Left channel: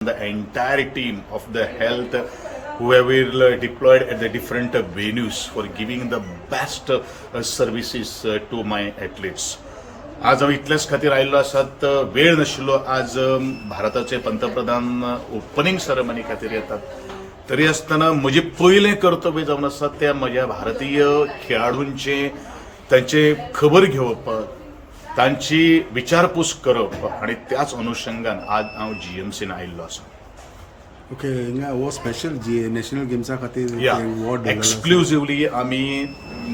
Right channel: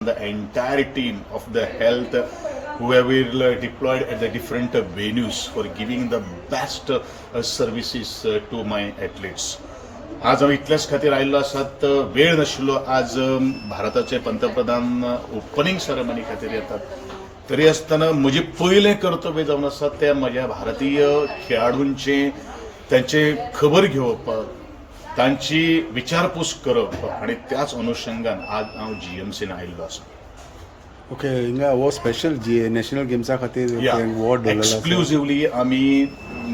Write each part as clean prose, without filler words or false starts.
the entire team of the health whoever deployed at the different venues for giving the best services to my athletes. आज आम्ही इतल्याच खातीर आयिल्लो आसात, वेळ नाशिल्लो. आज भारताचे पंतप्रधान ओपनिंग सेरेमनी खातीर येतात. तरी आसतना म्हजें पयलें कर्तव्य जावन आसा त्या म्हज्या भारतीय खेळाडूंचे तांचे खबर घेवप, तांची विचारपूस करप आणि त्याच अनुषंगान आज हांव जीएमसीन आयिल्लो आसा. ओके, हिंगा हो स्पेशल नॅशनल गेम्सा खातीर वॉर्ड एक्सक्लुझिव्हली आमी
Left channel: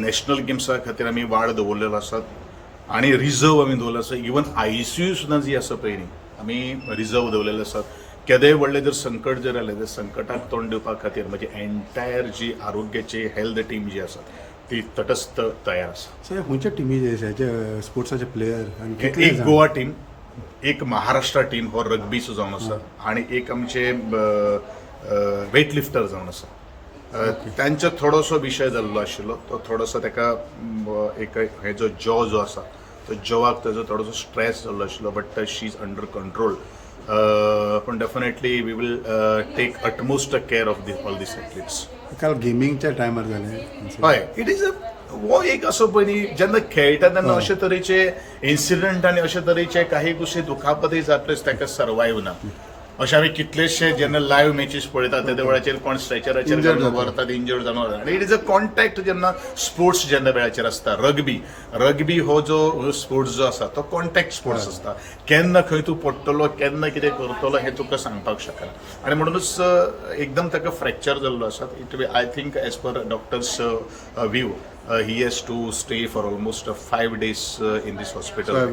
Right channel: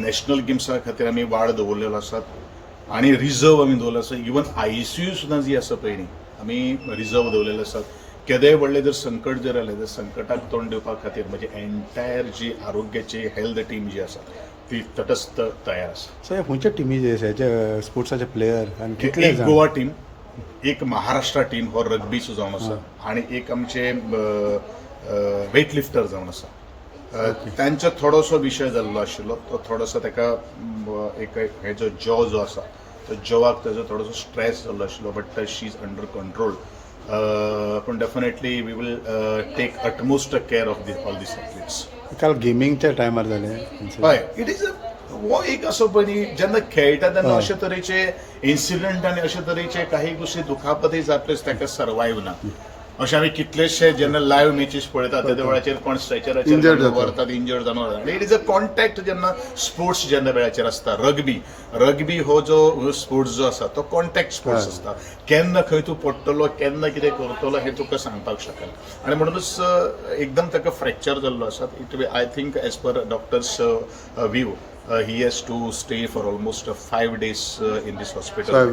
नॅशनल गेम्सा खातीर आमी वाड दवरलेलो आसात आणि रिझर्व आमी दवरलेलो आसा. इवन आयसीयू सुद्दां जी आसा पळय न्ही, आमी रिझर्व दवरलेले आसात. केदेंय व्हडलें जर संकट जर आलें जाल्यार संकटाक तोंड दिवपा खातीर म्हजी एंटायर जी आरोग्याची हेल्थ टीम जी आसा ती तटस्थ तयार आसा. सो खंयच्या टिमी स्पोर्ट्साचे प्लेयर आनी एक गोवा टीम, एक महाराष्ट्र टीम हो रग्बीचो जावन आसा आणि एक आमचे वेट लिफ्टर जावन आसा. तांचो थोडोसो विशय जाल्लो आशिल्लो, तो थोडोसो ताका एक हेजो जो आसा तो जॉवाक ताजो थोडोसो स्ट्रेस जाल्लो आशिल्लो, but she is under control. पण definitely we will take utmost care of all these athletes. काल गेमिंगच्या टायमार जालें. हय, इट इज हो एक असो पळय न्ही, जेन्ना खेळटा तेन्ना अशे तरेचे इन्सिडंट आनी अशे तरेचे काही गोश्टी दुखापती जातलेच ताका सर्वायव ना. अशे आमी कितलेशे जेन्ना लायव्ह मॅचीस पळयतात त्या वेळाचेर कोण स्ट्रेचराचेर व्हरतात, इंजर्ड जावन वतात. आनी इट इज अ कॉन्टॅक्ट जेन्ना स्पोर्ट्स जेन्ना वेळाचेर आसता. रग्बी हो जो स्पोर्ट्स जो आसा तो कॉन्टॅक्ट स्पोर्ट्स आसता. केन्ना खंय तूं पडटलो, केन्ना कितें करतलो हें तुका सांगपाक शकना. आनी म्हणूनच एकदम ताका फ्रॅक्चर जाल्लो आसा. It I think as per doctors view he has to stay for almost 5 days in this hospital.